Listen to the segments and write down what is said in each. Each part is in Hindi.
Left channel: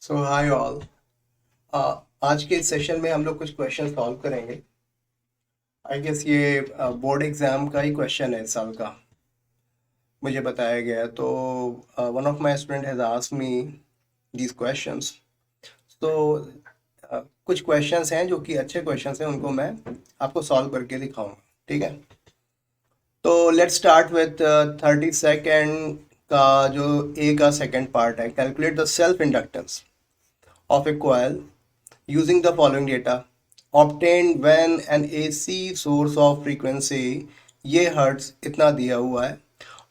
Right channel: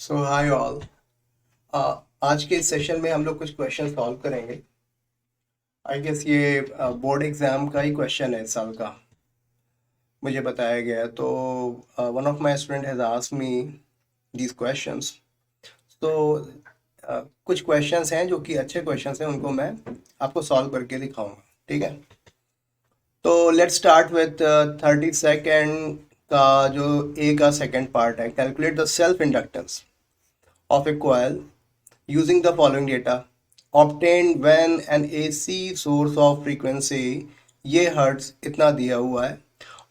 सो हाय ऑल। आज के सेशन में हम लोग कुछ क्वेश्चन सॉल्व करेंगे। आई गेस ये बोर्ड एग्जाम का ही क्वेश्चन है इस साल का, मुझे बताया गया है। तो one of my student has asked me these questions. तो कुछ क्वेश्चंस हैं जो कि अच्छे क्वेश्चंस हैं, उनको मैं आपको सॉल्व करके दिखाऊंगा। ठीक है, तो लेट्स स्टार्ट विथ 32nd का जो ए का सेकंड पार्ट है। Calculate the self inductance of A coil using the following data obtained when an AC source of frequency, ये हर्ट्स इतना दिया हुआ है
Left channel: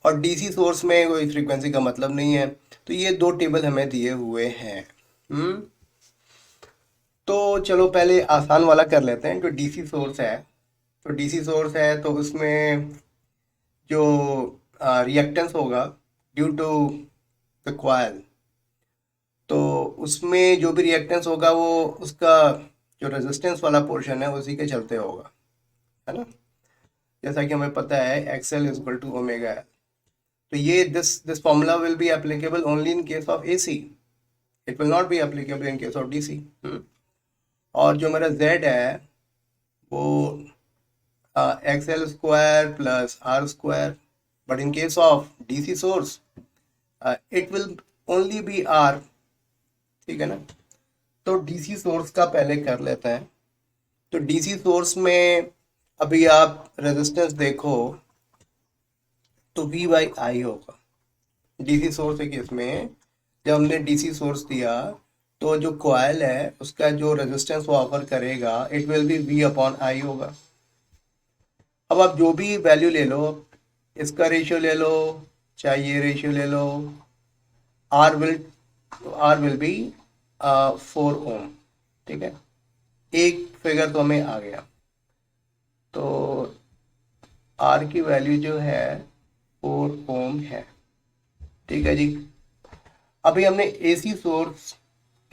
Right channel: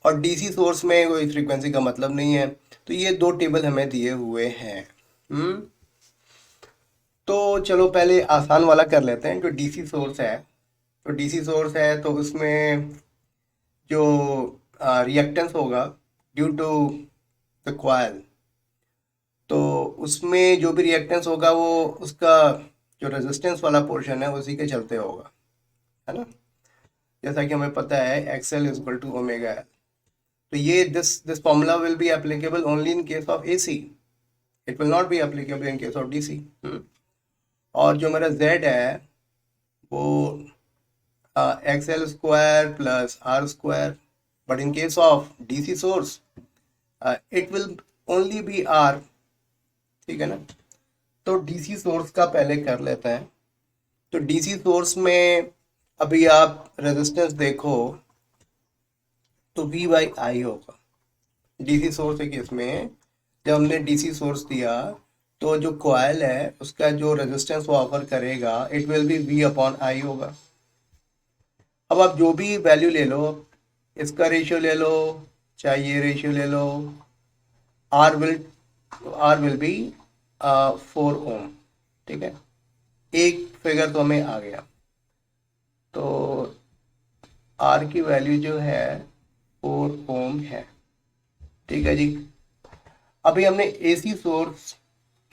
और डीसी सोर्स में कोई फ्रीक्वेंसी का मतलब नहीं है। तो ये दो टेबल हमें दिए हुए हैं। हम्म तो चलो पहले आसान वाला कर लेते हैं। जो डीसी सोर्स है, तो उसमें जो रिएक्टेंस होगा ड्यू टू द कॉइल, तो उसमें जो भी रिएक्टेंस होगा वो उसका जो रेजिस्टेंस वाला पोर्शन है उसी के चलते होगा, है ना। जैसा कि हमें पता है XL is equal to omega L. तो ये this formula will be applicable only in case of AC, it will not be applicable in case of DC. और जो मेरा जेड है वो XL square plus R square, but in case of DC source it will only be R. ठीक है ना। तो डीसी सोर्स का पहले कर लेते हैं। तो डीसी सोर्स में अभी आप रेजिस्टेंस देखो तो V बाई आई होगा डीसी सोर्स के केस में। जब हमने डीसी सोर्स दिया तो जो कॉइल है उसका जो रेजिस्टेंस वो ऑफर करेगा it will be V upon I होगा। अब आप जो भी वैल्यू ले लो, इसका रेशियो ले लो चाहे ये रेशियो ले लो, आर विल बी 4 ओम। ठीक है, एक फिगर तो हमें आ गया। तो आर की वैल्यू जो है 4 ओम है। ठीक है जी। अभी हमने एसी सोर्स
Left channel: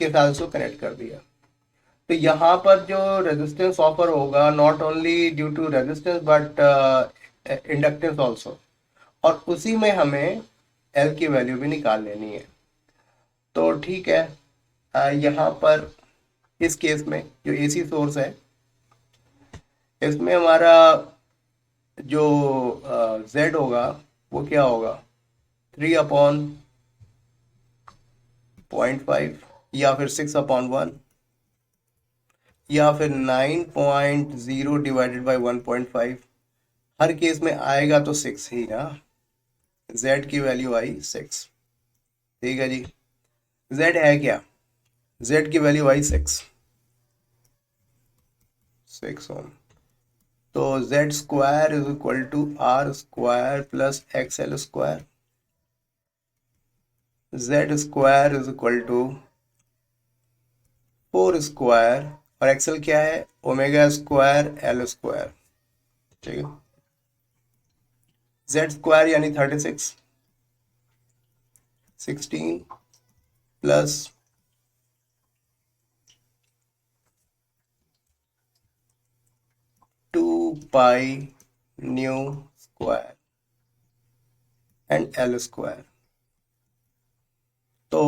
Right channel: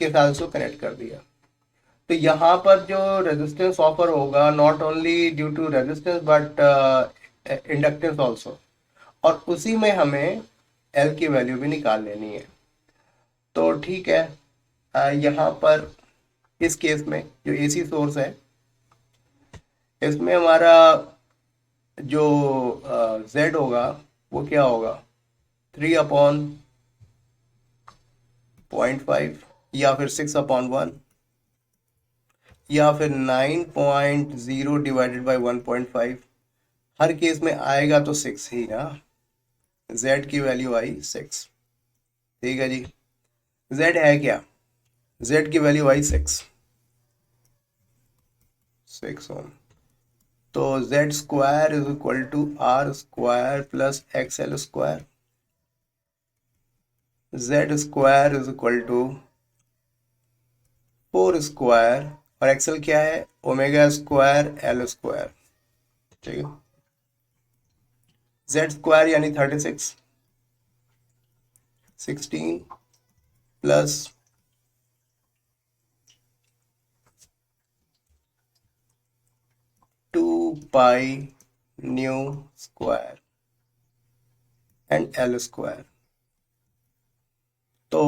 के साथ उसको कनेक्ट कर दिया। तो यहाँ पर जो रेजिस्टेंस ऑफर होगा not only due to resistance but inductance also, और उसी में हमें एल की वैल्यू भी निकाल लेनी है। तो ठीक है, यहाँ पर इस केस में जो एसी सोर्स है इसमें हमारा जो जेड होगा वो क्या होगा 3/0.5 या फिर 6/1 या फिर 9.0 डिवाइडेड बाई 1.5। हर केस में आएगा तो 6 ही ना। z की वैल्यू आई 6। ठीक है जी। z है क्या, z की वैल्यू आई 6 ओम। तो z square is equal to R square plus X L square. z square is equal to 4 square और एक्सएल क्या है ओमेगा स्क्वायर एल स्क्वायर। ठीक है, z स्क्वायर यानी 36, 16 plus 2 pi nu square and L square. तो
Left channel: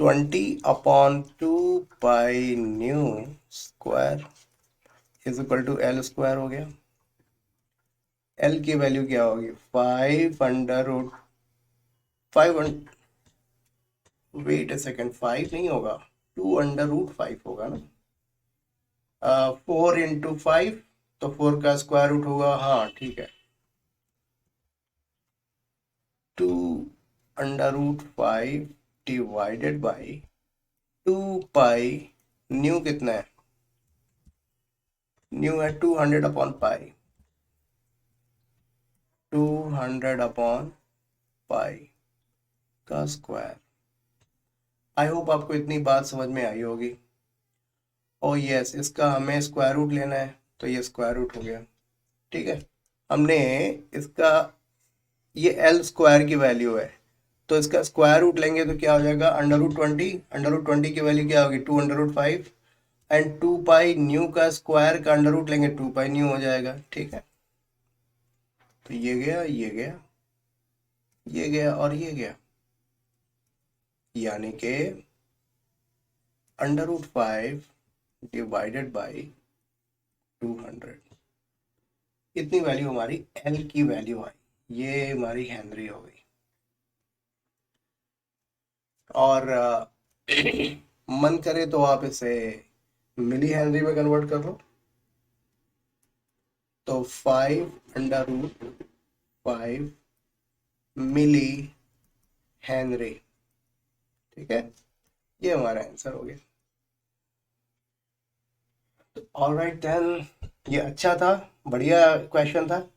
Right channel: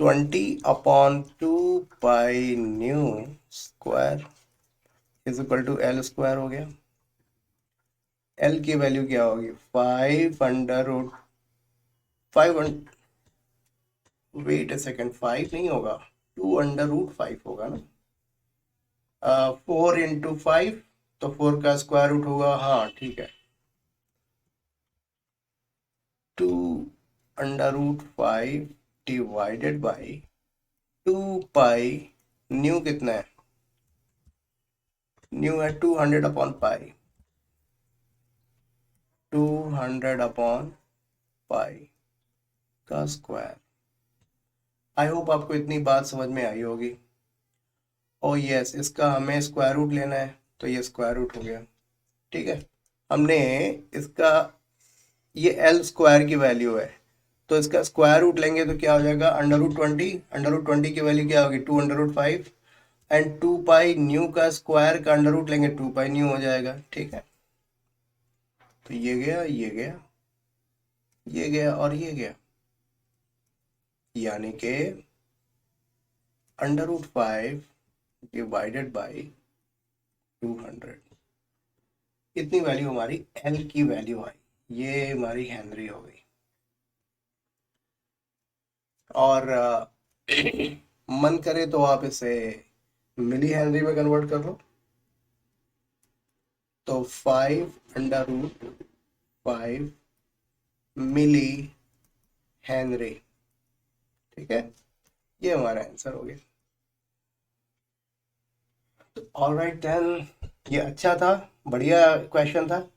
20/2 pi nu square is equal to L square हो गया। एल की वैल्यू क्या होगी 5 वेट ए सेकेंड, 5 नहीं होगा 2√5 होगा ना। 4 × 5 तो 4 का स्क्वायर रूट होगा। हाँ ठीक है, 2√5 डिवाइडेड बाई 2 पाई न्यू कितना है, न्यू है 200/पाई, 200/पाई का स्क्वायर। आई होप आपको इतनी बात समझ में आई होगी। ओ यस, इसका हमें स्क्वायर रूट लेना है तो ये स्क्वायर रूट हो गया। ठीक है, हमने इसका ये एल स्क्वायर की वैल्यू है तो इसका स्क्वायर रूट लेंगे तो क्या हो जाएगा √20। √20 की वैल्यू क्या होगी 2√5 एंड 2 पाई न्यू का स्क्वायर का अंडर रूट लेंगे 2 पाई न्यू हो जाएगा। ठीक है, तो ये गया, ये गया, ये गया और ये गया। यानी कि √5 डिवाइडेड बाई 200, इतनी वैल्यू हमारी एल की वैल्यू आई, ये हमारी हेनरी हो गई। और मन करे तो आप इसे मिली हेनरी में कन्वर्ट कर लो, तो 5√5 मिली हेनरी, ठीक है, ये हमारा आंसर हो गया। ऑलराइट देन, ये अच्छा था, बढ़िया क्वेश्चन था।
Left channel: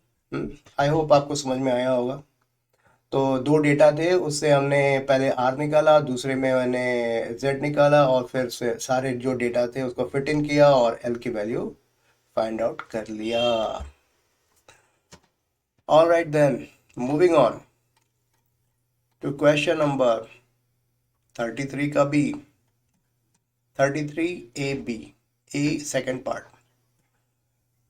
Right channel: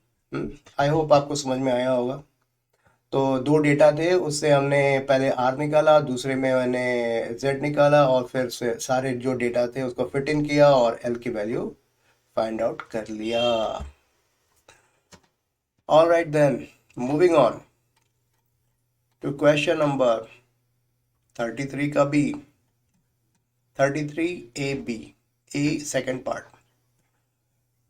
आई होप आपको समझ में आया होगा। तो दो डेटा थे, उससे हमने पहले आर निकाला, दूसरे में मैंने जेड निकाला, और फिर से सारे जो डेटा थे उसको फिट इन किया और एल की वैल्यू फाइंड आउट कर लिया। Alright then, moving on to question number 33 का बी, 33 ए सेकेंड पार्ट।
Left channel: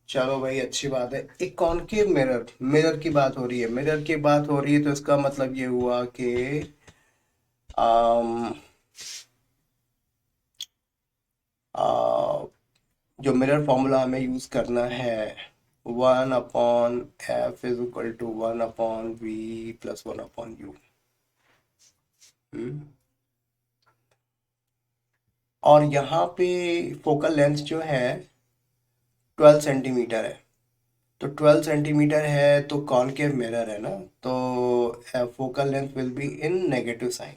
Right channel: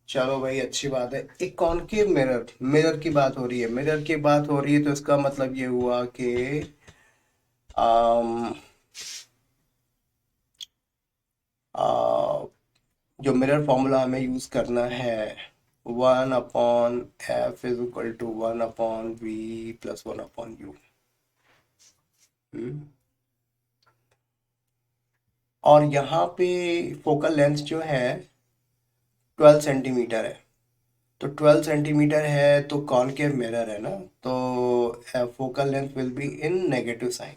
चलो भाई, अच्छी बात है। एक कॉनकेव मिरर, मिरर की बात हो रही है, मिरर की बात हो रही है, तो इसका मतलब ये हुआ कि आम, जो मिरर फॉर्मूला हमें यूज करना है, 1/f = 1/v+1/u। और यहाँ पे फोकल लेंथ जो है 12 सेंटीमीटर है, तो 12 सेंटीमीटर है तो कॉनकेव मिरर है ना, तो focal length will be in negative sign.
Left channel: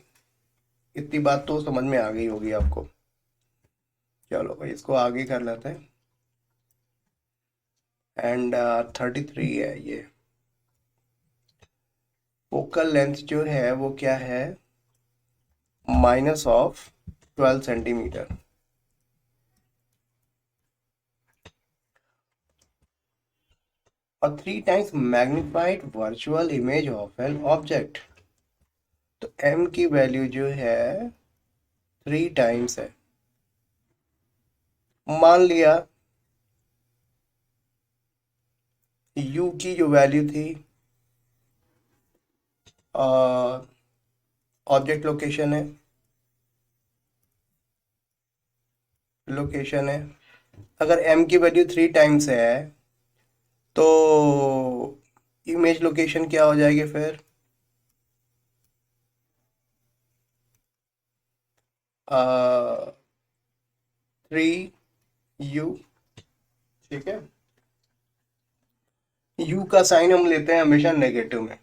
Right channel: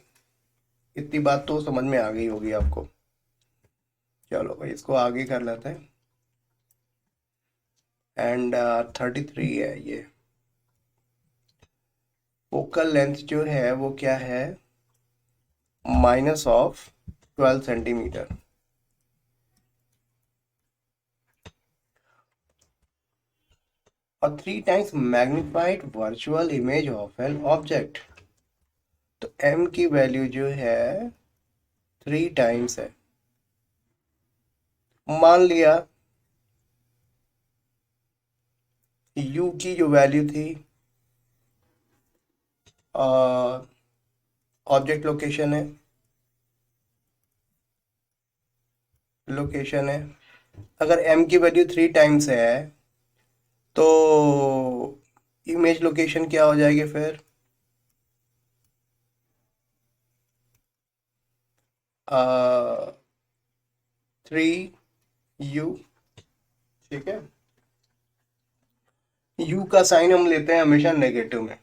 इतनी बात तो समझ में आ गई होगी आपको। चलो भाई, इसको आगे कर लेते हैं। एंड 33 है ये, फोकल लेंथ जो है वो क्या है, -12 सेंटीमीटर। और 3 times magnified virtual image of an object, तो m की वैल्यू जो है 3 टाइम्स है। मान लिया u की जो वैल्यू थी, ऑब्जेक्ट लोकेशन है, लोकेशन है, अगर m की वैल्यू 3 टाइम्स है तो इमेज लोकेशन क्या हो जाएगी फिर, 3u, ठीक है। u का साइन हम लेते हैं हमेशा नेगेटिव में,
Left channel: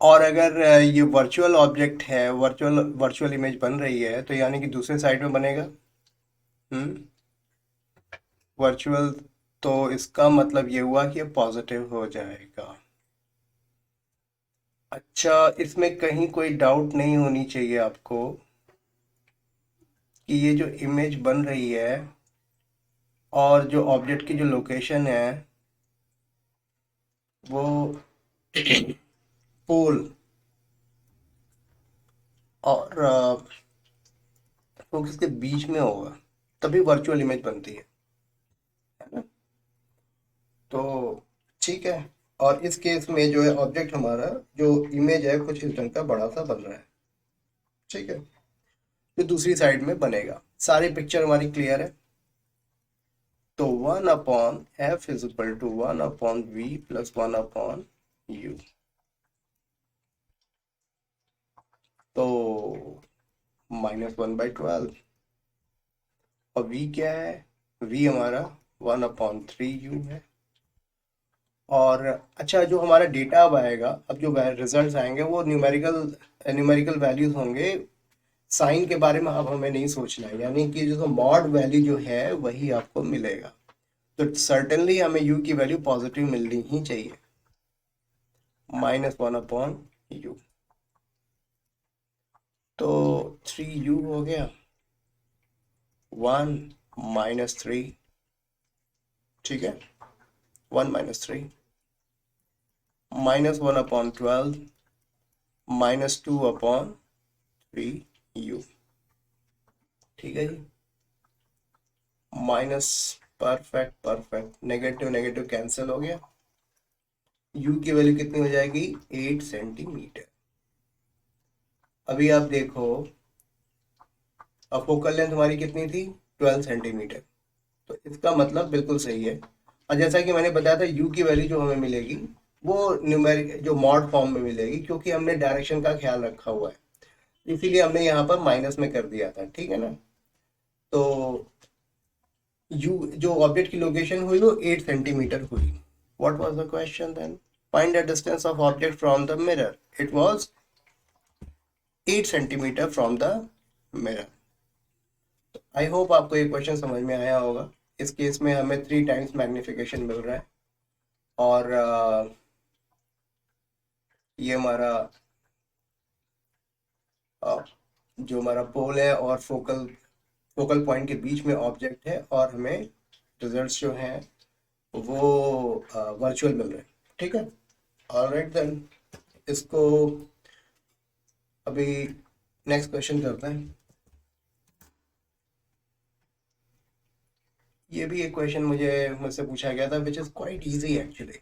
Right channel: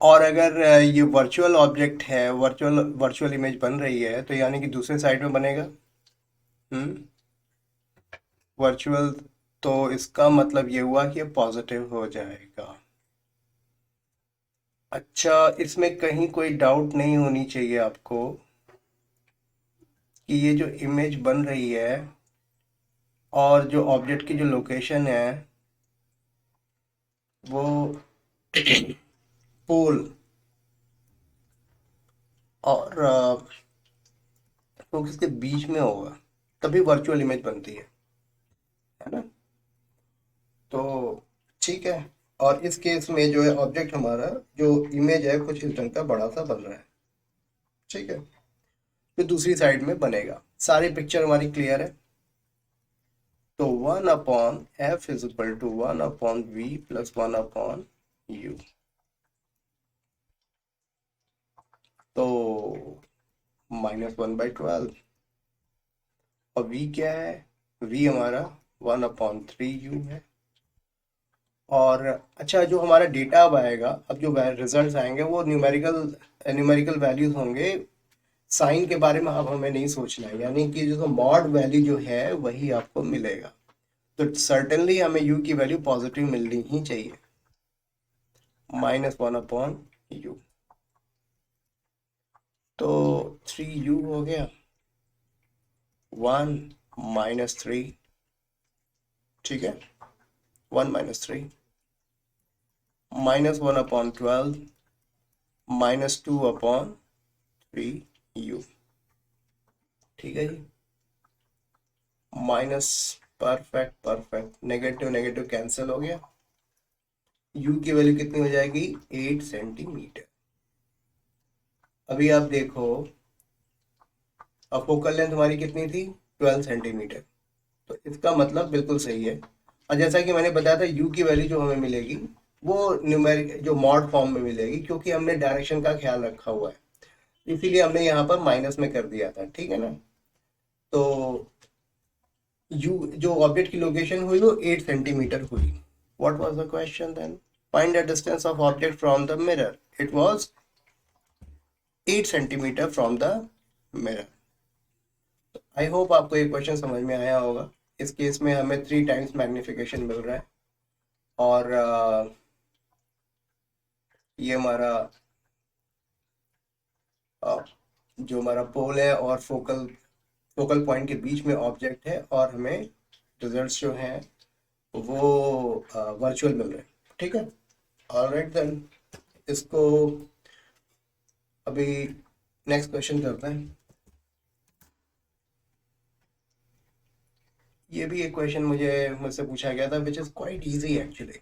और अगर ये वर्चुअल ऑब्जेक्ट है, वर्चुअल वर्चुअल इमेज बन रही है, तो यानी कि दूसरे साइड में बनेगा वर्चुअल, तो इसका मतलब ये हुआ कि ये पॉजिटिव हो जाएगा। अच्छा, इसमें कहीं कोई डाउट नहीं होनी चाहिए आपको कि ये जो इमेज बन रही है और जो ऑब्जेक्ट की जो लोकेशन है वो पोल और फोकस के बीच में होगा, तभी वर्चुअल इमेज बनती है ना। तो ठीक है, और इस केस में जो है ऑब्जेक्ट हमारा जो इमेज है कुछ इस ढंग का बड़ा सा बन रहा है, ठीक है, जो दूसरी साइड में बनेगा। सारी पिक्चर हमारी क्लियर है। तो 1/f = 1/v+1/u, तो -1/12, और v क्या है, v हमारा 1/3u है। और अच्छा, जो हमारा डेटा अब आएगा, अब जो रिजल्ट्स आएंगे वो न्यूमेरिकल न्यूमेरिकल वैल्यूज होंगे। साइन के बारे में अब हमें नहीं सोचना है, यानी कि जो मॉड वैल्यू जो है वही आपको मिलेगा। तो सर्टेनली हमें u की वैल्यू पॉजिटिव मिलनी ही चाहिए, -1/u, तो 3u हो गया, 1 - 3, ठीक है, 1 - 3, -1/12, -2/3u, ठीक है जी। Minus, perfect perfect, negative negative cancel हो गया, u की वैल्यू कितनी हो जाएगी, 8 सेंटीमीटर। अभी आप देखो, अब फोकल लेंथ हमारी कितनी थी, 12 सेंटीमीटर। तो इसका मतलब बिल्कुल सही है। और जैसा कि मैंने बताया था, यू की वैल्यू जो हमें मिलेगी वो न्यूमेरिक जो मॉड फॉर्म में मिलेगी, क्योंकि हमने डायरेक्शन का ख्याल रखा हुआ है, इसीलिए हमने यहाँ पर माइनस में कर दिया था, ठीक है ना। तो यू जो ऑब्जेक्ट की लोकेशन हुई वो 8 सेंटीमीटर हुई। What was the question then? Find the distance of object from the mirror. It was 8 centimetre from the mirror. I hope आपको ये क्वेश्चन समझ में आया होगा। इस केस में हमें 3 टाइम्स मैग्निफिकेशन मिल रहा है, और ये हमारा जो हमारा पोल है और फोकल फोकल पॉइंट के बीच में ऑब्जेक्ट है, और हमें रिजल्ट्स जो हैं वो वर्चुअल मिल रहे हैं, ठीक है। ऑलराइट देन, इसको अभी नेक्स्ट क्वेश्चन करते हैं। ये भी एक क्वेश्चन मुझसे पूछा गया था, which is quite easy actually.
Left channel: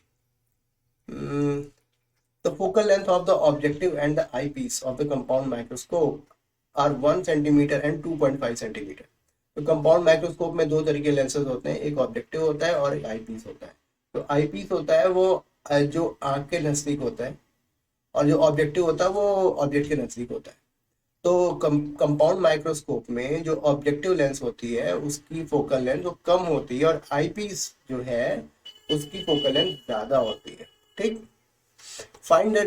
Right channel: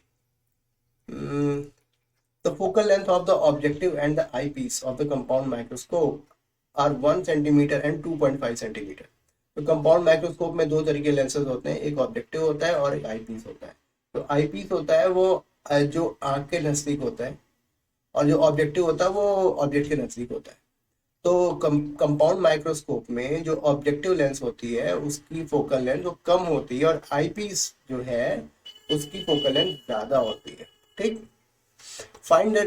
The focal length of the objective and the eyepiece of the compound microscope are 1 centimeter and 2.5 centimeter. तो कंपाउंड माइक्रोस्कोप में दो तरह के लेंसेज होते हैं, एक ऑब्जेक्टिव होता है और एक आई पीस होता है। तो आई पीस होता है वो जो आंख के नज़दीक होता है, और जो ऑब्जेक्टिव होता है वो ऑब्जेक्ट के नज़दीक होता है। तो कंपाउंड माइक्रोस्कोप में जो ऑब्जेक्टिव लेंस होती है उसकी फोकल लेंथ वो कम होती है, और आई पीस जो है उसकी फोकल लेंथ ज़्यादा होती है, ठीक। Find the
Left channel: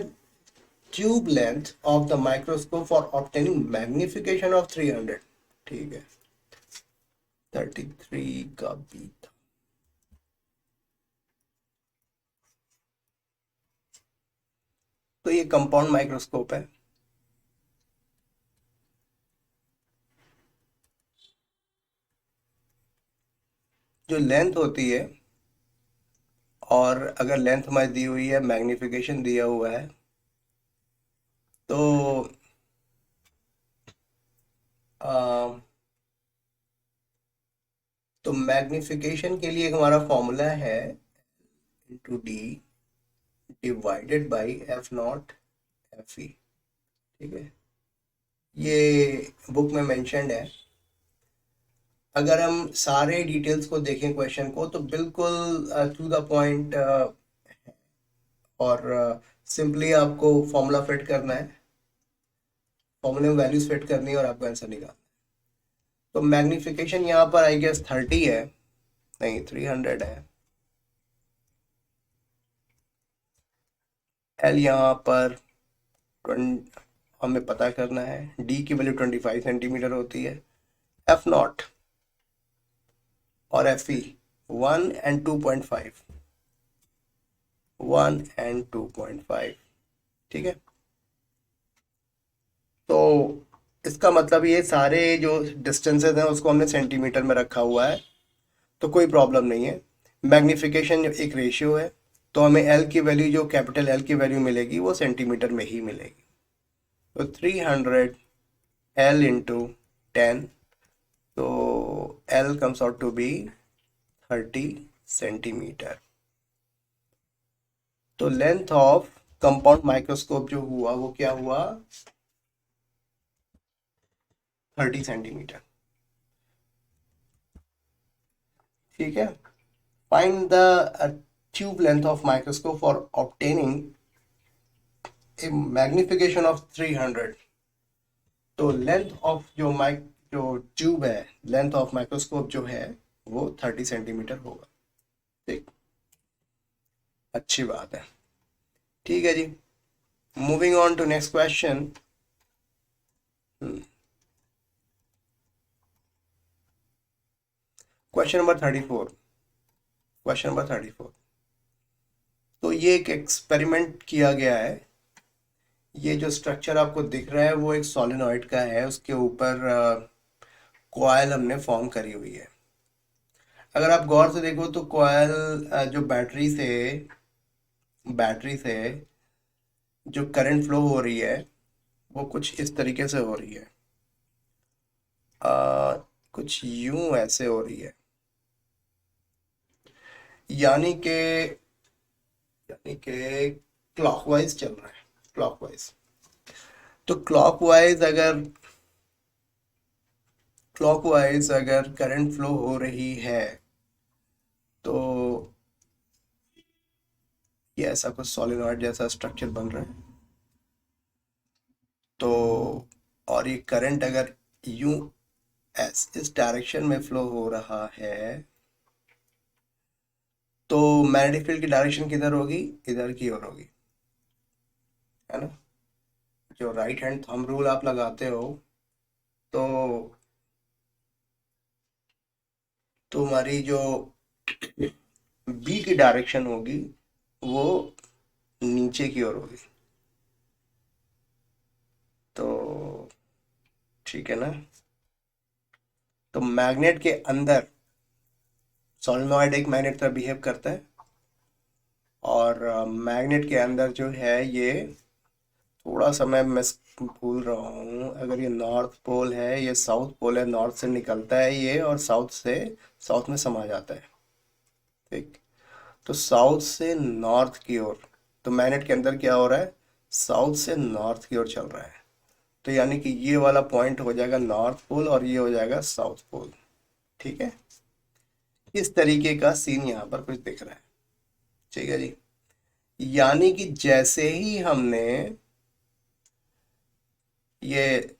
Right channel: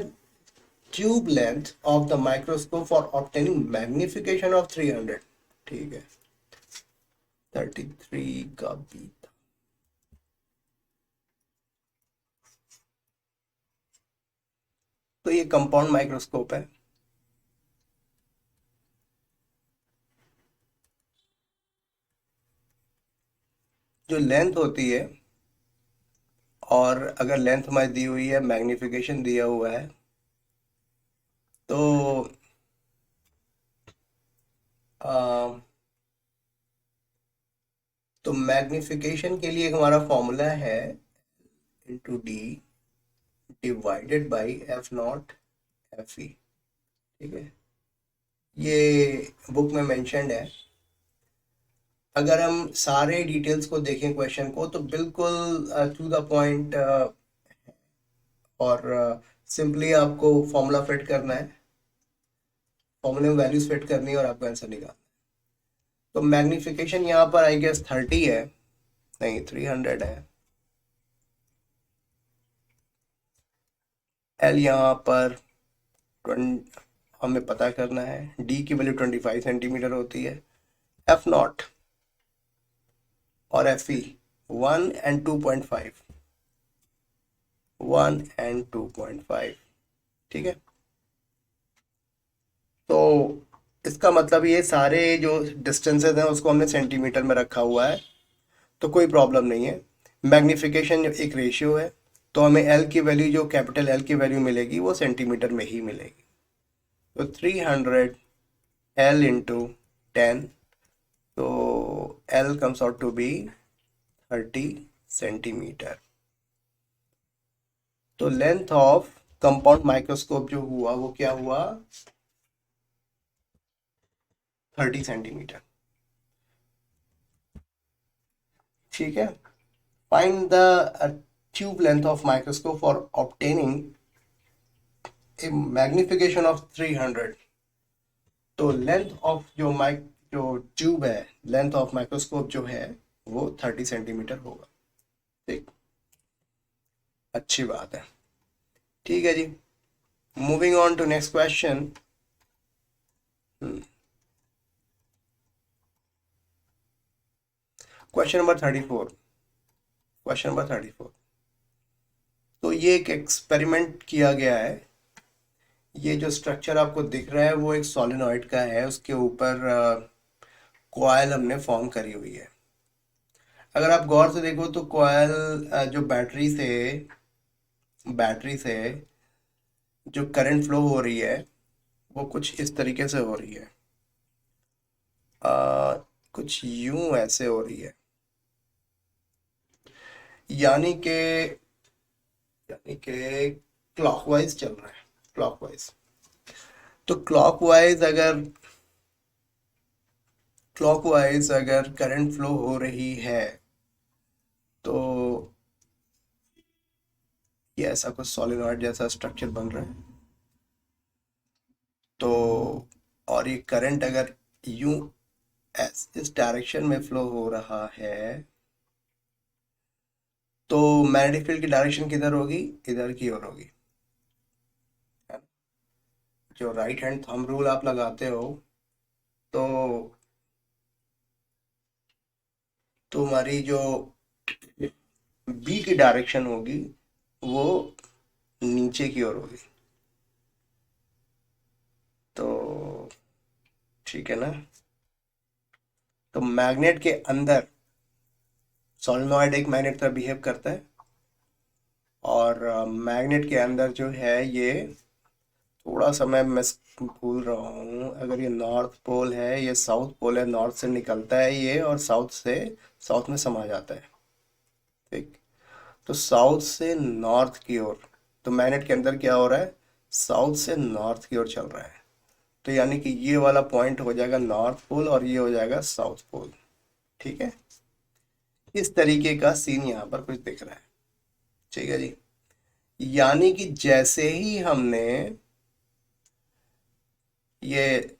tube length of the microscope for obtaining magnification of 300। ठीक है, 33 का भी था। तो ये कंपाउंड माइक्रोस्कोप है। जो लेंथ होती है, और अगर लेंथ हमारी दी हुई है, मैग्निफिकेशन दिया हुआ है, तो आ, तो मैग्निफिकेशन के लिए एक हमारा फॉर्मूला है, into D divided by F not F E, ठीक है। ये बुक में मेंशन्ड है। अगर हम सारे डिटेल्स को देखें क्वेश्चन को, तो बिल्कुल टू द पॉइंट, और सिंपली आपको फॉर्मूला फिट करना है, फॉर्मूले में वैल्यूज फिट करनी है और आपको आंसर निकालना। तो मैग्निफिकेशन यहाँ पर आई गेस 30 है, नहीं 300 है। एल यहाँ पर 20 हमें पता करना है, डी की वैल्यू 25 सेंटीमीटर होती है, एफ नॉट और एफ ई 1 एंड 2.5, 1 एंड 2.5, ठीक है। तो इसका मतलब ये सारे जो डिस्टेंसेस हैं उसको हमने सेंटीमीटर में रखा हुआ है, तो कोई प्रॉब्लम नहीं है। मैग्निफिकेशन एक रेशियो है, तो हमें एल की वैल्यू, जो कैपिटल एल की वैल्यू मिलेगी वो सेंटीमीटर में ही मिलेगी। तो 300 एल इंटू 10, तो L comes out to be 30 centimetre. तो लेंथ ऑफ कंपाउंड माइक्रोस्कोप जो हुआ वो क्या हुआ, 30 सेंटीमीटर, ठीक है। Find the tube length of microscope for obtaining a magnification of 300। तो लेंथ ऑफ जो ट्यूब है, लेंथ ऑफ माइक्रोस्कोप जो है वो 30 सेंटीमीटर होगा, ठीक। अच्छी बात है, ठीक है जी। Moving on to next question. Question number 34। Question number 34, तो ये एक एक्सपेरिमेंट किया गया है। ये जो स्ट्रक्चर आपको दिख रहा है वो एक सोलिनॉइड का है, उसके ऊपर कॉइल हमने फॉर्म करी हुई है। अगर आप गौर से देखो तो कॉइल जो बैटरी से जो करंट फ्लो हो रही है वो कुछ इस तरीके से हो रही है, कुछ यूं ऐसे हो रही है, यानी कि क्लॉकवाइज चल रहा है, क्लॉकवाइज। तो क्लॉकवाइज अगर करंट फ्लो हो रही है तो ये ऐसा कुछ सोलेनॉइड जैसा स्ट्रक्चर बन रहा है। तो और ये करंट अगर यूं इस डायरेक्शन में फ्लो हो रहा है तो मैग्नेटिक फील्ड की डायरेक्शन किधर होगी, इधर की ओर होगी, है ना। जो राइट हैंड थंब रूल आप लगाते हो तो हमारी जो बी की डायरेक्शन होगी वो नीचे की ओर होगी। तो ठीक है ना। तो मैग्नेट के अंदर सोलेनॉइड एक मैग्नेट तरह बिहेव करता है और मैग्नेट के अंदर जो है ये थोड़ा सा मैं भूल रहा हूँ, अगर ये नॉर्थ पोल है, ये साउथ पोल है, नॉर्थ से निकलता है ये और साउथ में समा जाता है। ठीक। तो साउथ से नॉर्थ की ओर, तो मैग्नेट के अंदर क्या हो रहा है, साउथ से नॉर्थ की ओर चल रहा है। तो यानी कि ये वाला पॉइंट हो जाएगा नॉर्थ पोल और ये हो जाएगा साउथ पोल। ठीक है। इस तरीके का सीन यहाँ पर कुछ दिख रहा है। ठीक है जी। यानी कि जैसे ही हमने ये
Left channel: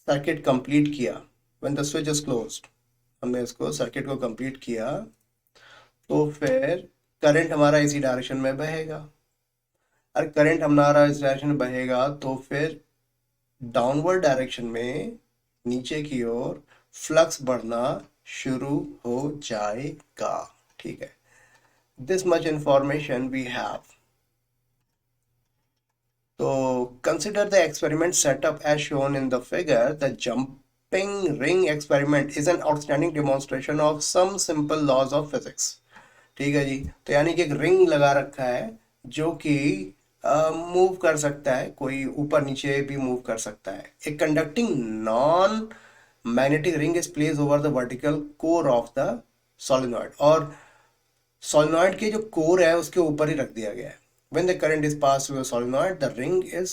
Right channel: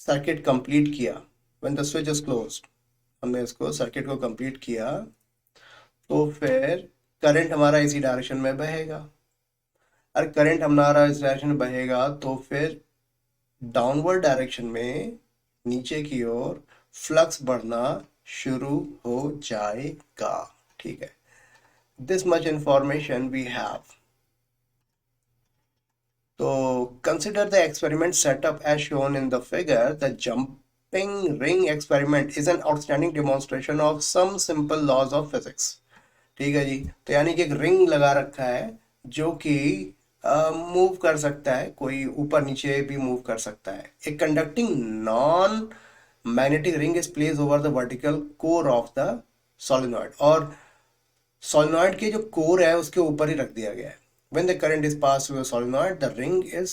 सर्किट कंप्लीट किया, when the switch is closed, हमने इसको सर्किट को कंप्लीट किया तो फिर करंट हमारा इसी डायरेक्शन में बहेगा। और करंट हमारा इस डायरेक्शन में बहेगा तो फिर डाउनवर्ड डायरेक्शन में नीचे की ओर फ्लक्स बढ़ना शुरू हो जाएगा। ठीक है। This much information we have. So consider the experiment setup as shown in the figure. The jumping ring experiment is an outstanding demonstration of some simple laws of physics. ठीक है जी। तो यानी कि एक रिंग लगा रखा है जो कि मूव कर सकता है, कोई ऊपर नीचे भी मूव कर सकता है। एक conducting non magnetic ring is place over the vertical core of the solenoid, और सोलिनॉइड के जो कोर है उसके ऊपर ही रख दिया गया है। When the current is passed through a solenoid, the ring is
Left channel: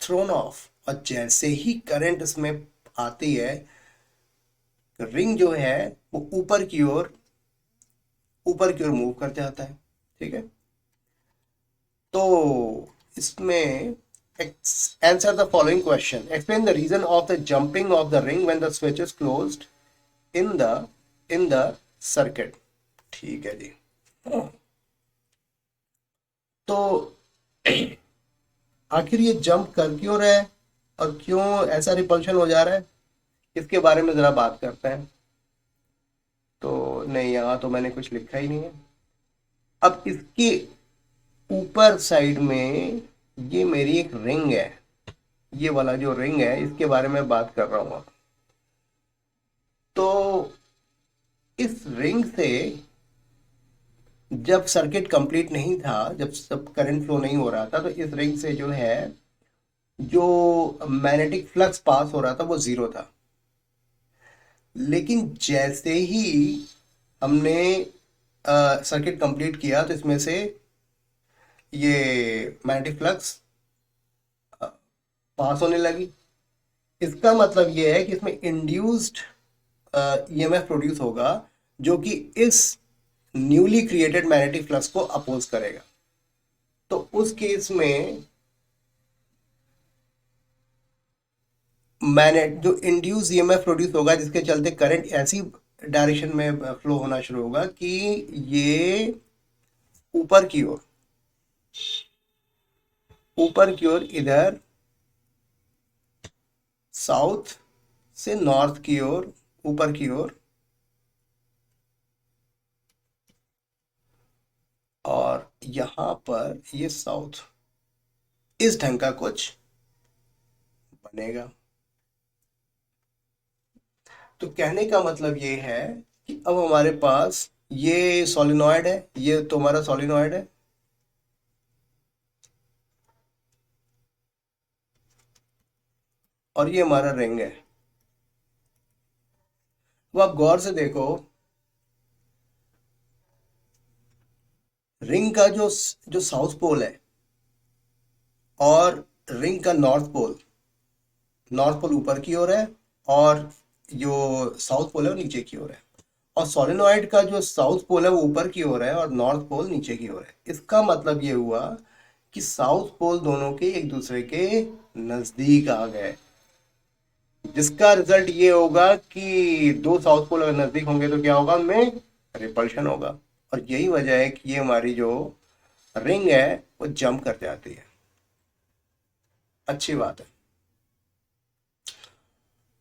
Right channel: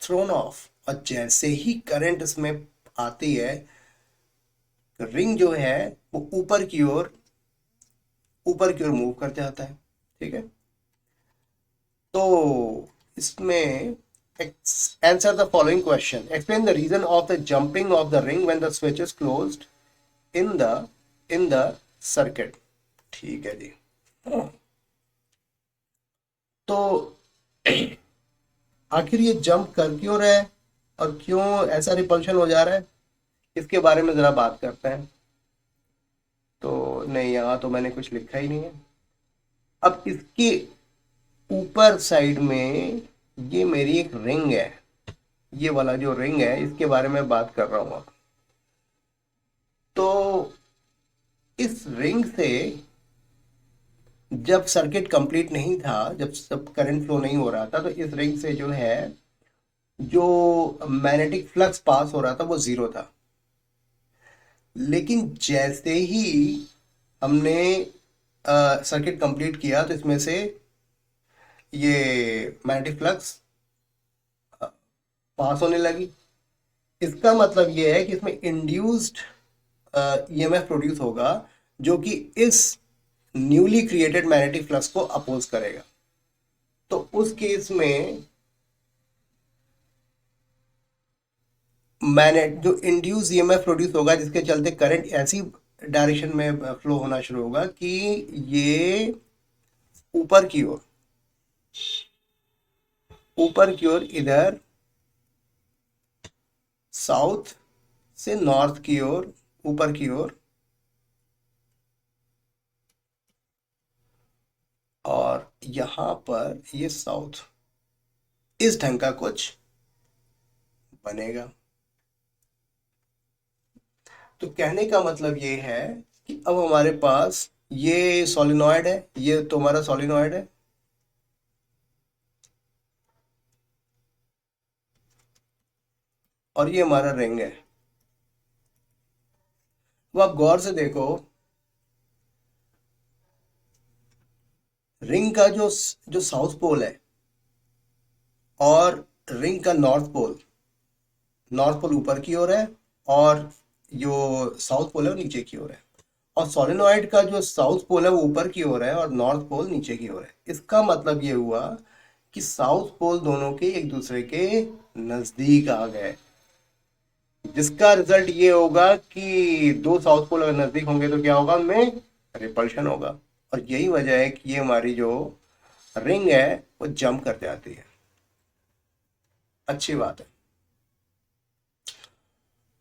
thrown off. और जैसे ही करंट इसमें आती है, रिंग जो है वो ऊपर की ओर मूव करते आता है। ठीक है। तो इसमें answer the following question, explain the reason of the jumping of the ring when the switch is closed in the circuit. ठीक है जी। तो आखिर ये जंप कर क्यों रहा है और क्यों ऐसा रिपल्शन हो जा रहा है, इसके बारे में जरा बात करते हैं। तो नहीं, यहाँ तो मैंने कुछ लिखा ही नहीं है। अब इसके ऊपर साइड में ये मेरी एक रिंग है, ये वाला जो रिंग है इसके बारे में बात कर रहा हूँ। तो इस रिंग से जब सर्किट कंप्लीट नहीं था, जब सब करंट फ्लो नहीं हो रहा था, तो इस रिंग से जो है जो मैग्नेटिक फ्लक्स पास हो रहा था वो जीरो था। लेकिन जैसे ही हमने सर्किट कंप्लीट किया तो इसमें से ये मैग्नेटिक फ्लक्स पास होने लगी। इसका मतलब ये है कि इसमें इंड्यूस्ड ईएमएफ प्रोड्यूस होगा जो कि इस न्यूली क्रिएटेड मैग्नेटिक फ्लक्स को अपोज करेगा। तो उस केस में मैग्नेट जो इंड्यूस ईएमएफ प्रोड्यूस होगा जिसके चलते करंट ऐसी डायरेक्शन में फ्लो होना शुरू होगा कि ये ऊपर की ओर इधर साउथ से नॉर्थ की ओर, ऊपर की ओर, और यहां पर ये साउथ, इस ढंग का कुछ बनेगा। तो कहने का मतलब ये है कि अब हमारे पास ये सोलिनॉइड है, ये तो हमारा सोलिनॉइड है, और ये हमारा रिंग है। तो आप गौर से देखो, रिंग का जो जो साउथ पोल है और रिंग का नॉर्थ पोल ऊपर की ओर है और जो साउथ पोल है वो नीचे की ओर है, और सोलेनॉइड का जो साउथ पोल है वो ऊपर की ओर है और नॉर्थ पोल नीचे की ओर है। इसका मतलब ये हुआ कि साउथ पोल दोनों के एक दूसरे के नजदीक आ गए, जिसका रिजल्ट ये होगा कि दो साउथ पोल अगर नजदीक होंगे तो क्या होगा, उनमें रिपल्शन होगा। और यही वजह है कि ये हमारी जो रिंग है वो जंप कर जाती है। अच्छी बात है।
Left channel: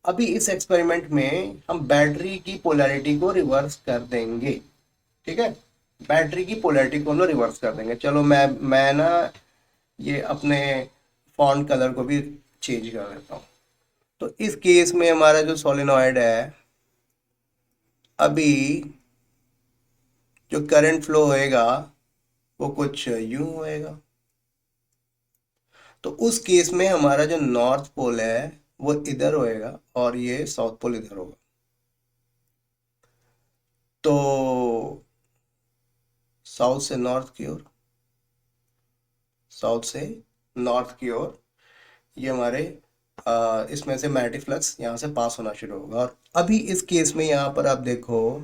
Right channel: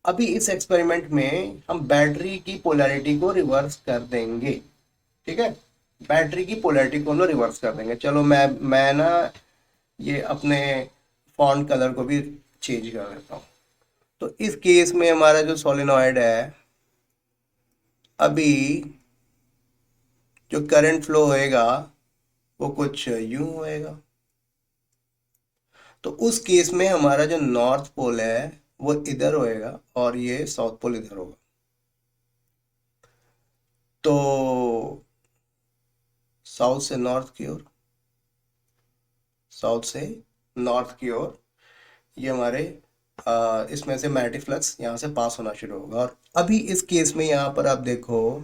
अभी इस एक्सपेरिमेंट में हम बैटरी की पोलैरिटी को रिवर्स कर देंगे। ठीक है, बैटरी की पोलैरिटी को हम लोग रिवर्स कर देंगे। चलो मैं ना ये अपने फॉन्ट कलर को भी चेंज कर देता हूँ। तो इस केस में हमारा जो सोलेनॉइड है, अभी जो करंट फ्लो होएगा वो कुछ यूं होएगा। तो उस केस में हमारा जो नॉर्थ पोल है वो इधर होएगा और ये साउथ पोल इधर होगा। तो साउथ से नॉर्थ की ओर, साउथ से नॉर्थ की ओर ये हमारे इसमें से मैग्नेटिक फ्लक्स यहाँ से पास होना शुरू होगा। और अभी इस केस में यहाँ पर आप देखो,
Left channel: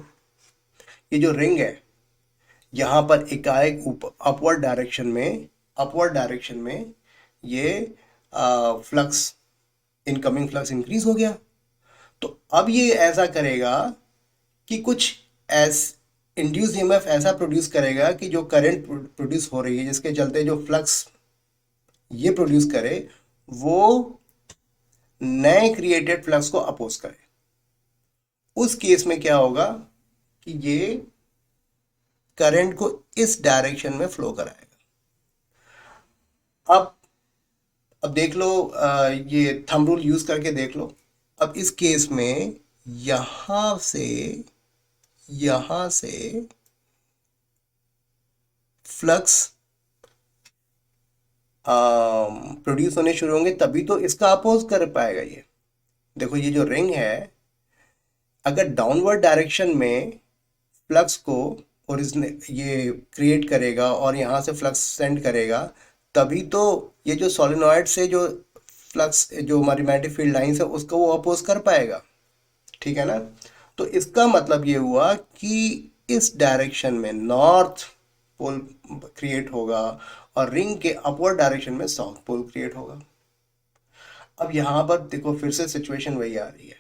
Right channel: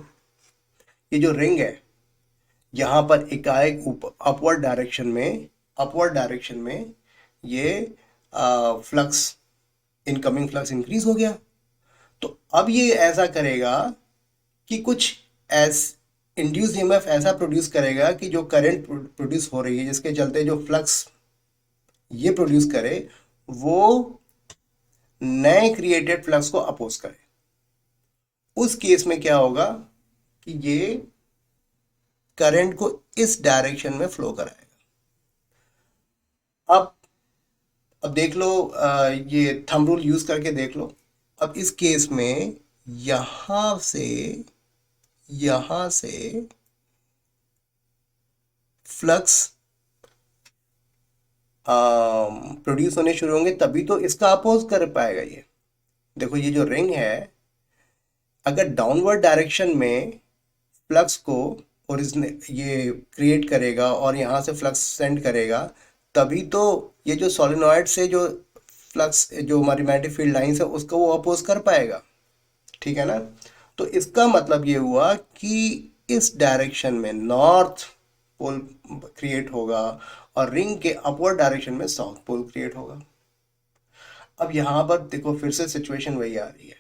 ये जो रिंग है यहाँ पर एकाएक ऊपर अपवर्ड डायरेक्शन में ये फ्लक्स, इनकमिंग फ्लक्स इंक्रीज हो गया। तो अब ये ऐसा करेगा कि कुछ एस इंड्यूस ईएमएफ ऐसा प्रोड्यूस करेगा कि जो करंट प्रोड्यूस हो रही है, जिसके चलते जो फ्लक्स ये प्रोड्यूस करे वो नए क्रिएटेड फ्लक्स को अपोज करे। उस केस में क्या होगा कि ये करंट को इस डायरेक्शन में फ्लो कराएगा। अब देख लो, ये थंब रूल यूज करके देख लो। अब इस केस में यहां से फ्लक्स प्रोड्यूस होने शुरू होंगे, तभी तो इसका अपोज कर पाएगा ये। देखो ये जो रिंग है, अगर डाउनवर्ड डायरेक्शन में फ्लक्स को ओरिजिनेट ये क्रिएट करेगा और यहाँ से फ्लक्स सेंड करेगा, तभी तो ये जो सोलेनॉइड से जो फ्लक्स, जो हमारी मैग्नेटिक फील्ड लाइंस है, उसको वो अपोज कर पाएगा। ठीक है ना। तो इसका मतलब ये हुआ कि इस डायरेक्शन में नॉर्थ पोल क्रिएट होगा और रिंग के अपवर्ड डायरेक्शन में साउथ पोल क्रिएट होगा। अब यहाँ पर देखो फिर से सिचुएशन वही आ रही है,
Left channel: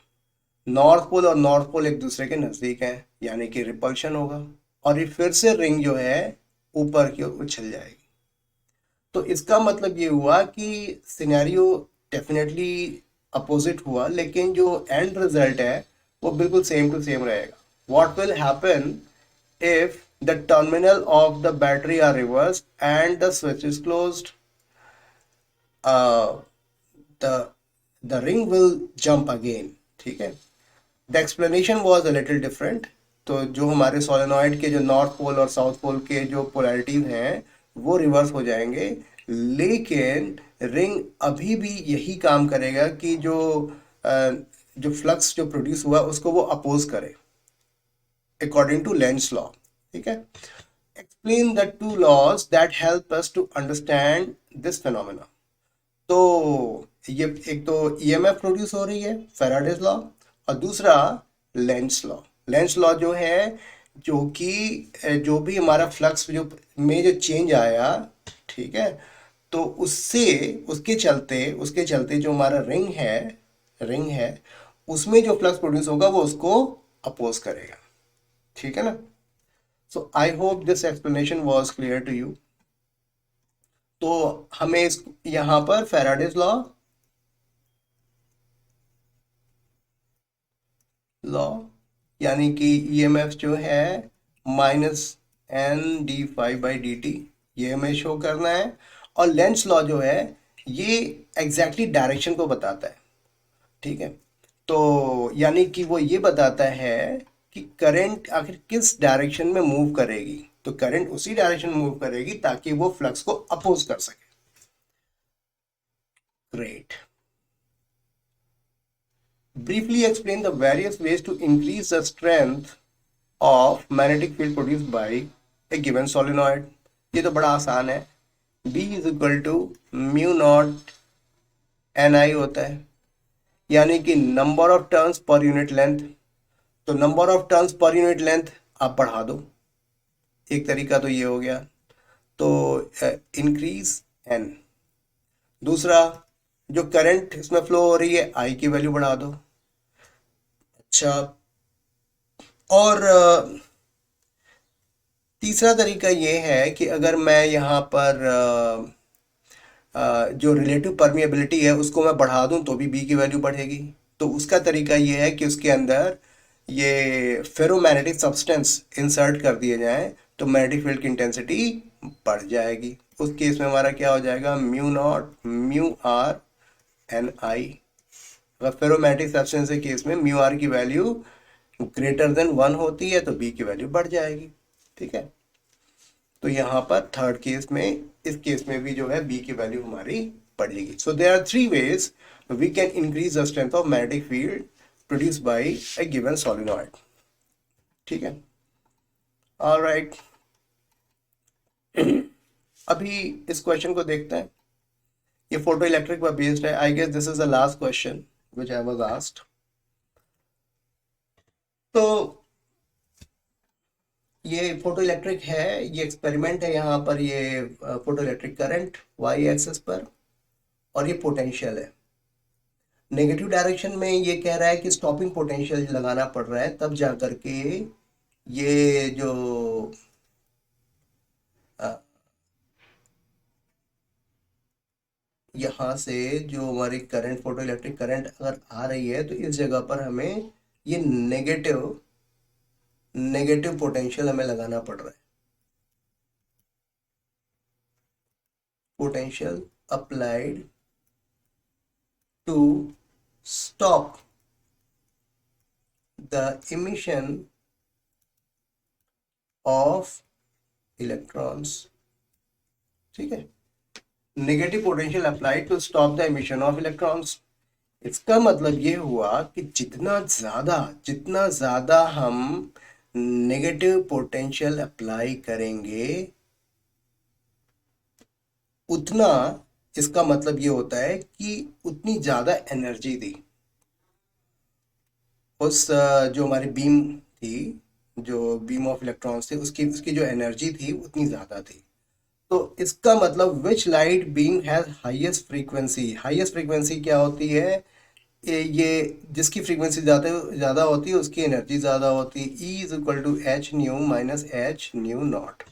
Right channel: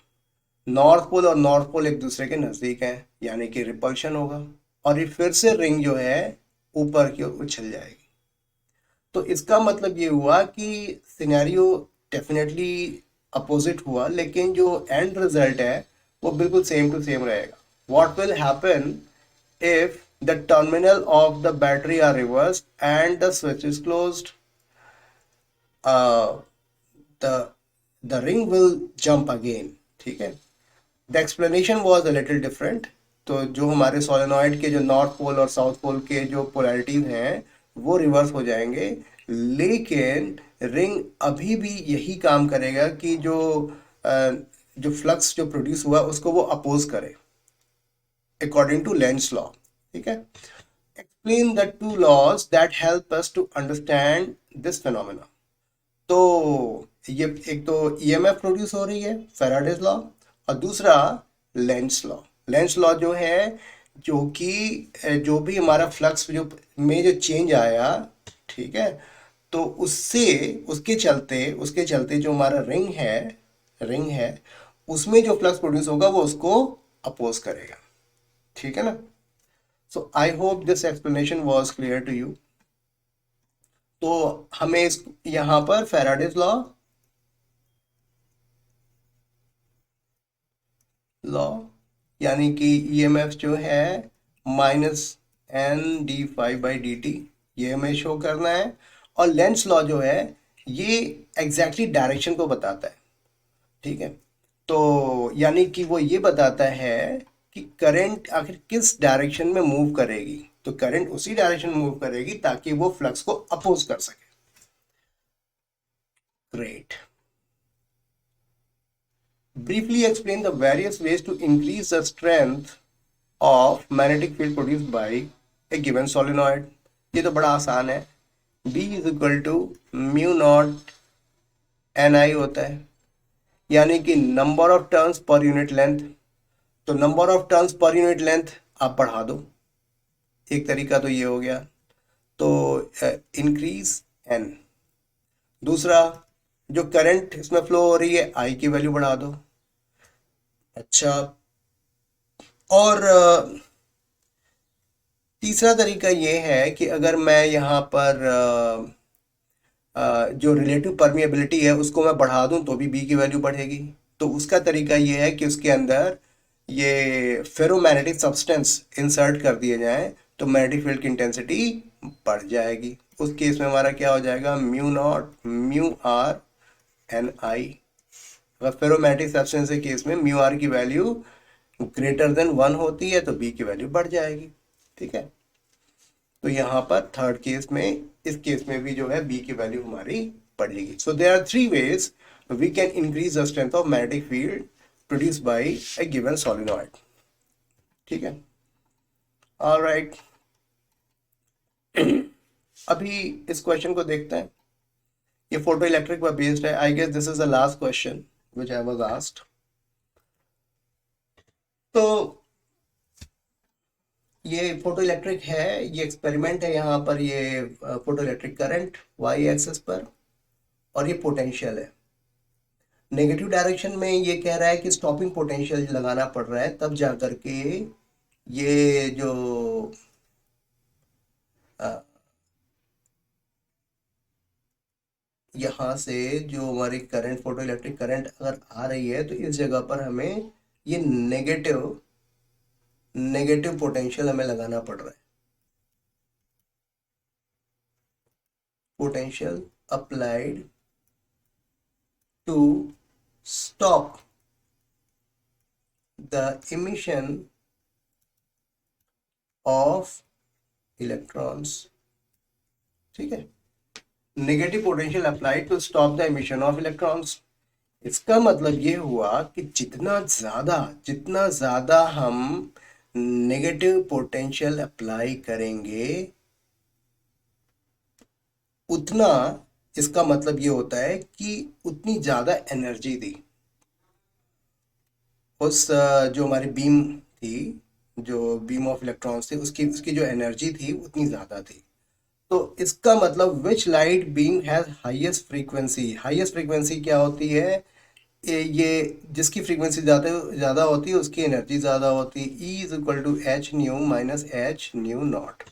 नॉर्थ पोल और नॉर्थ पोल एक दूसरे के नजदीक है, यानी कि रिपल्शन होगा और ये फिर से रिंग जो है ऊपर की ओर उछल जाएगी। तो इसका मतलब ये हुआ कि सिनेरियो डेफिनेटली अपोजिट हुआ, लेकिन जो एंड रिजल्ट है वो बिल्कुल सेम टू सेम रहेगा। What will happen if the terminal of the battery are reversed and the switch is closed, uh, the the ring will jump again। ठीक है, the explanation was a little different. तो जो हमारे सोलेनॉइड के जो नॉर्थ पोल और साउथ पोल के जो पोलैरिटीज हैं वो रिवर्स हो जाएंगे, लेकिन रिंग अभी भी यही काम करेगा कि जो फ्लक्स जो प्रोड्यूस हुआ उसको वो अपोज करे अकॉर्डिंग टू लेंस लॉ। ठीक है, explain the two laws that help us to understand this phenomena. तो ये एक तो ईएमएफ प्रोड्यूस हो रही है, फैराडेज लॉ, और दूसरा लेंस लॉ। लेंस लॉ जो है, जो कि जो भी हमारा फ्लक्स जो में जो चेंज आया, ठीक है, तो उससे उसके चलते जो हमारा रिंग है उसमें जो फ्लक्स प्रोड्यूस होगा वो उसको अपोज करेगा। ठीक है ना। So I hope this explanation was clear to you. तो हमें यहाँ पर फैराडेज लॉ यानी कि ईएमएफ जो है -N dφ/dt, ये हमें शो करना है। और लेंस लॉ जो है ये एग्जैक्टली डायरेक्शन को बताता है। ठीक है, तो यानी कि वो ये बताता है कि करंट आखिर किस डायरेक्शन में मूव करेगी। तो करंट उसी डायरेक्शन में मूव करेगी ताकि वो फ्लक्स को अपोज कर सके। Great. Briefly explain the various ways to increase the strength of magnetic field produced by a given solenoid। ये तो बड़ा आसान है B is equal to mu naught N I होता है, यानी कि number of turns per unit length. तो number of turns per unit length आप बढ़ा दो, एक तरीका तो ये हो गया। तो इंक्रीज एन। दूसरा, जो करंट इसमें फ्लो हो रही है आई की वैल्यू बढ़ा दो। अच्छा, और तीसरा तरीका ये है कि अगर मैं यहाँ पर जो रिलेटिव परमिएबिलिटी है उसको मैं बढ़ा दूं तो भी बी की वैल्यू बढ़ेगी। तो उसका तरीका ये है कि उसके अंदर ये फेरोमैग्नेटिक सब्सटेंस इंसर्ट कर दिए जाएं तो मैग्नेटिक फील्ड की इंटेंसिटी बढ़ जाएगी। उस केस में हमारा क्या हो जाएगा, mu naught mu R N I. अगर फेरोमैग्नेटिक सब्सटेंस के केस में म्यू आर की वैल्यू ग्रेटर देन 1 होती है तो बी की वैल्यू बढ़ जाएगी। ठीक है, तो यहाँ पर थर्ड केस में, इस केस में भी जो है बी की वैल्यू हमारी बढ़ेगी। So there are three ways we can increase the strength of magnetic field produce by a given solenoid. ठीक है, ऑलराइट। अभी इस क्वेश्चन को देखते हैं। ये फोटो इलेक्ट्रिक पर बेस्ड है। I guess this is the last question which I was asked. तो ये फोटो इलेक्ट्रिक है, ये एक्सपेरिमेंट है। यहाँ पर ये photo electric current Y axis पर, और ये पोटेंशियल है। नेगेटिव डायरेक्शन में ये कह रहा है कि स्टॉपिंग पोटेंशियल लगाना पड़ रहा है, तब जा करके ये जो यहाँ से जो हमारी करंट, फोटो इलेक्ट्रिक करंट अगर आ रही है तो इस जगह पर हमें ये नेगेटिव नेगेटिव पोटेंशियल हमें लगाना पड़ रहा है। Potential applied to stop the emission of electrons. ठीक है, negative potential applied to stop the emission of electrons. इसका मतलब ये हुआ कि जितना ज्यादा हम नेगेटिव पोटेंशियल अप्लाई करेंगे, उतना, इसका मतलब ये होता है कि उतनी ज्यादा एनर्जी दी उस जो हमारी बीम थी, जो बीम ऑफ इलेक्ट्रॉन्स थे, उसकी उसकी जो एनर्जी थी उतनी ज्यादा थी। तो इसका मतलब विच light beam has highest frequency. Highest frequency क्या होती है, ये जिसकी फ्रीक्वेंसी ज्यादा ज्यादा होती है उसकी एनर्जी ज्यादा होती है। E is equal to h nu minus h nu naught.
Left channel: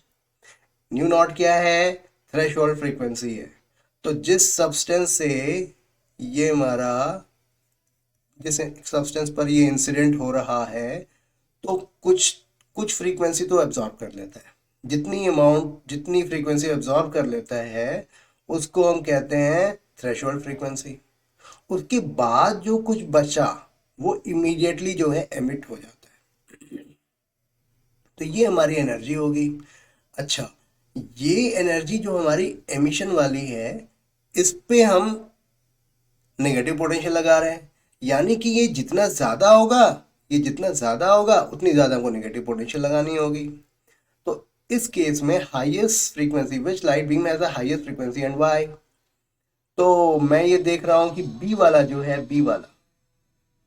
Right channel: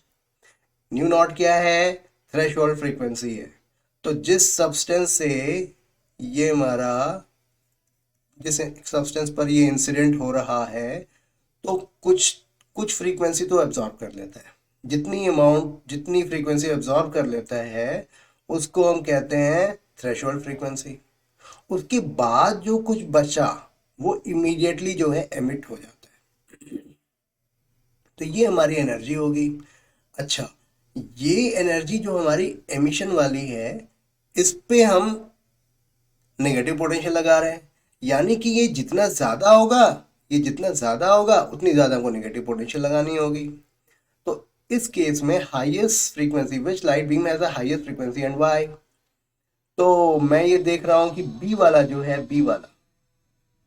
Nu naught क्या है, थ्रेशोल्ड फ्रीक्वेंसी है। तो जिस सब्सटेंस पर ये इंसिडेंट हो रहा है, तो कुछ कुछ फ्रीक्वेंसी तो एब्जॉर्ब कर लेता है। जितनी फ्रीक्वेंसी एब्जॉर्ब कर लेता है उसको हम कहते हैं थ्रेशोल्ड फ्रीक्वेंसी। उसके बाद जो कुछ बचा वो इमीडिएटली जो है एमिट हो जाता है। तो ये हमारी एनर्जी होगी। अच्छा, ये एनर्जी जो हमारी एमिशन वाली है, इस पे हम नेगेटिव पोटेंशियल लगा रहे हैं, यानी कि ये जितना ज्यादा होगा उतनी ज्यादा हमको नेगेटिव पोटेंशियल लगानी होगी। तो इस केस में highest frequency which light beam has the highest frequency and why. तो मैं ये देख रहा हूं कि बी वाला जो है, बी वाला,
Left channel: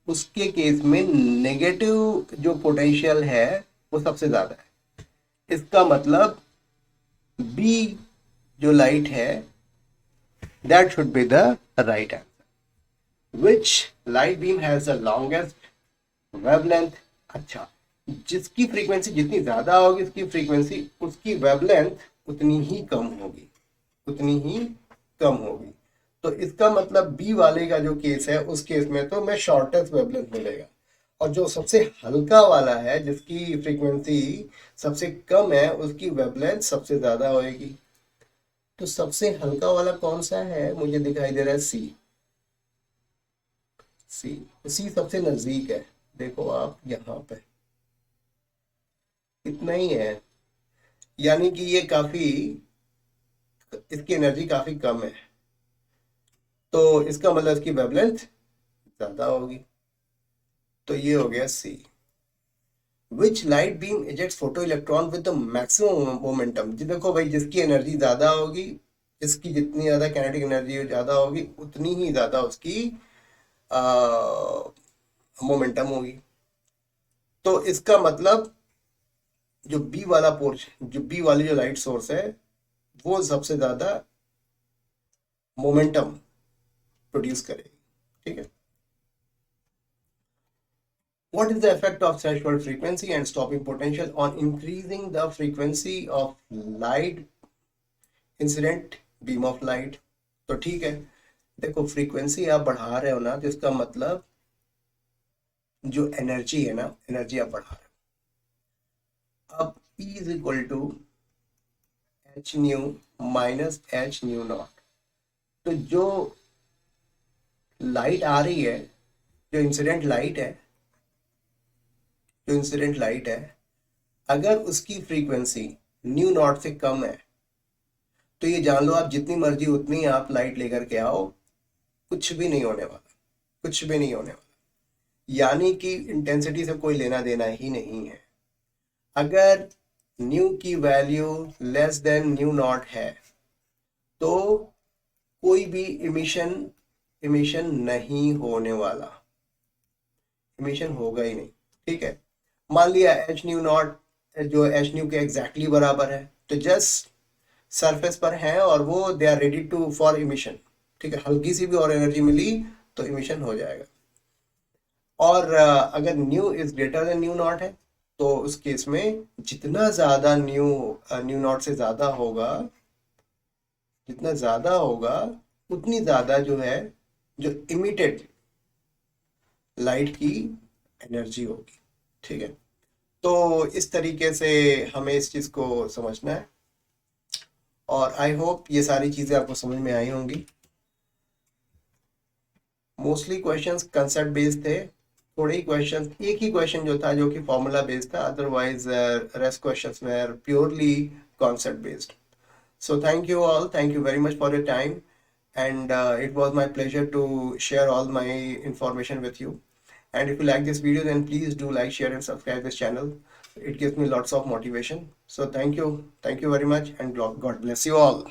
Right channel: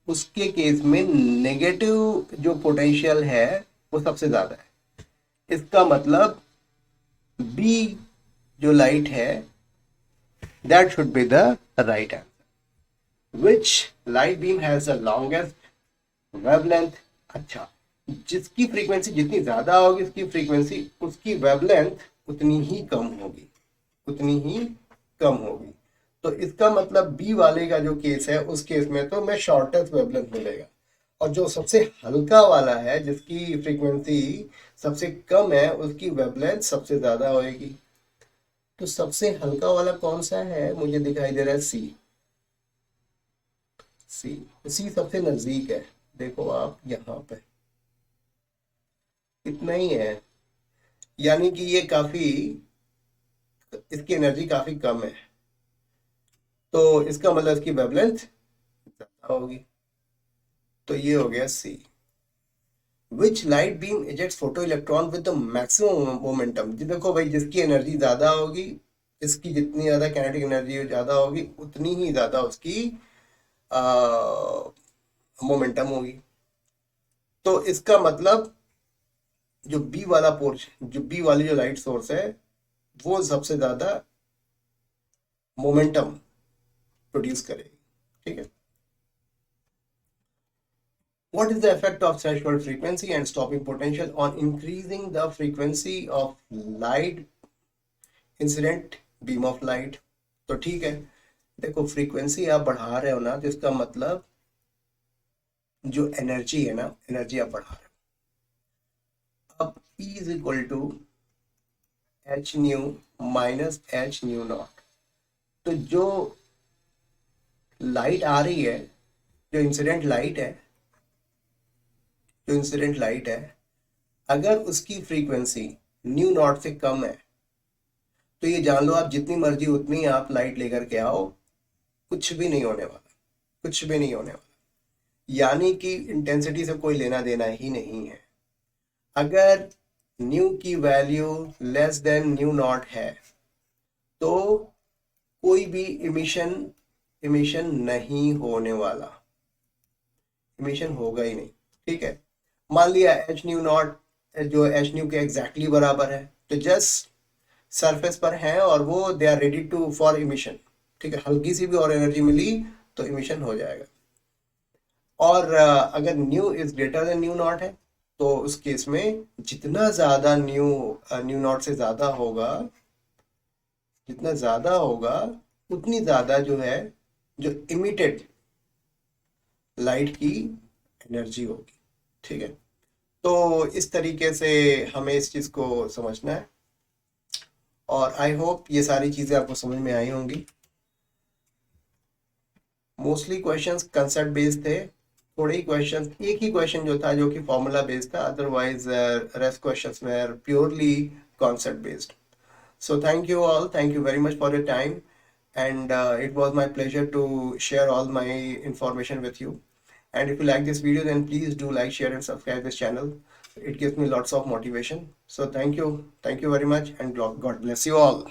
उसके केस में नेगेटिव जो पोटेंशियल है वो सबसे ज्यादा है। इसका मतलब बी जो लाइट है, that should be the right answer. Which light beam has the longest wavelength. अच्छा, जिसकी फ्रीक्वेंसी जितनी ज्यादा होगी उसकी फ्रीक्वेंसी, उसकी वेवलेंथ उतनी ही कम होगी, उतनी ही कम होगी। तो इसका मतलब बी वाले का जो केस है, उस केस में तो मैं शॉर्टेस्ट वेवलेंथ मिलेगा। और जो सबसे हल्का वाला है, जिसकी फ्रीक्वेंसी सबसे कम है, उसकी वेवलेंथ सबसे ज्यादा होगी। तो सबसे हल्का वाला कौन सा है, मुझे दिखाई दे रहा है सी। सी सी सबसे नजदीक है। देखो आप यहाँ पे इतना ही है, यानी कि ये काफी, इसकी एनर्जी काफी कम है। तो इसका मतलब इसकी वेवलेंथ ज्यादा होगी। तो ये हो गया C. Which light beam ejects photo electron with the maximum momentum. जी देखो भाई, जिसकी एनर्जी ज्यादा होगी, इसकी जितनी ज़्यादा काइनेटिक एनर्जी ज़्यादा होगी उतनी ही ज़्यादा उसकी मोमेंटम होगी। तो इसका मतलब जो बी वाला पोर्शन, जो बी वाली जो लाइट सोर्स है, वो सबसे ज़्यादा मोमेंटम प्रोड्यूस करेगी। ठीक है। What is the effect of threshold frequency and stopping potential on increasing the frequency of light incident beam of light? तो ठीक है, देखो फ्रीक्वेंसी आप बढ़ा रहे हो ना, तो इसका मतलब जो एनर्जी है ना, एनर्जी आप बढ़ा रहे हो। अब E is equal to h nu minus h nu naught. तो जो लाइट आ रही है, जो इंसिडेंट लाइट है, जो इंसिडेंट लाइट है, अगर उसकी फ्रीक्वेंसी न्यू नॉट से कम है, तो ये जान लो आप जितनी मर्जी उतनी आप लाइट लेकर के आओ, कुछ भी नहीं होने वाला, कुछ भी नहीं होने वाला। यानी कि इंटेंसिटी से कोई लेना देना ही नहीं है। अगर न्यू की value less than new not है तो कोई भी इमिशन इमिशन नहीं होने वाला, इमिशन होगा ही नहीं। ठीक है। मान लिया एच न्यू नॉट जो एच न्यू के एग्जैक्टली बराबर है, तो जस्ट सरफेस पर है और वो they are ready to for emission. ठीक है। हल्की सी भी और एनर्जी मिली तो इमिशन हो जाएगा। और अगर new is greater than new not है, तो उस केस में जितना ज्यादा न्यू नॉट से ज्यादा होगा, जितना ज्यादा होगा उतनी ज्यादा जो है, जो इमिटेड लाइट की एनर्जी होगी। ठीक है। तो इस तरीके से हमें इस चीज को समझना है, और आई होप ये सारी चीजें आपको समझ में आई होंगी। मोस्टली क्वेश्चंस कंसेप्ट बेस्ड थे, थोड़े ही क्वेश्चंस, एक ही क्वेश्चन जो था जो कि फॉर्मूला बेस्ड था, otherwise rest questions were purely concept based. So thank you all, thank you very much for your time, and it was my pleasure to share all my information with you. And if you like this video, then please do like, share and subscribe this channel. It gives me lots of motivation. So thank you very much, and God bless you all.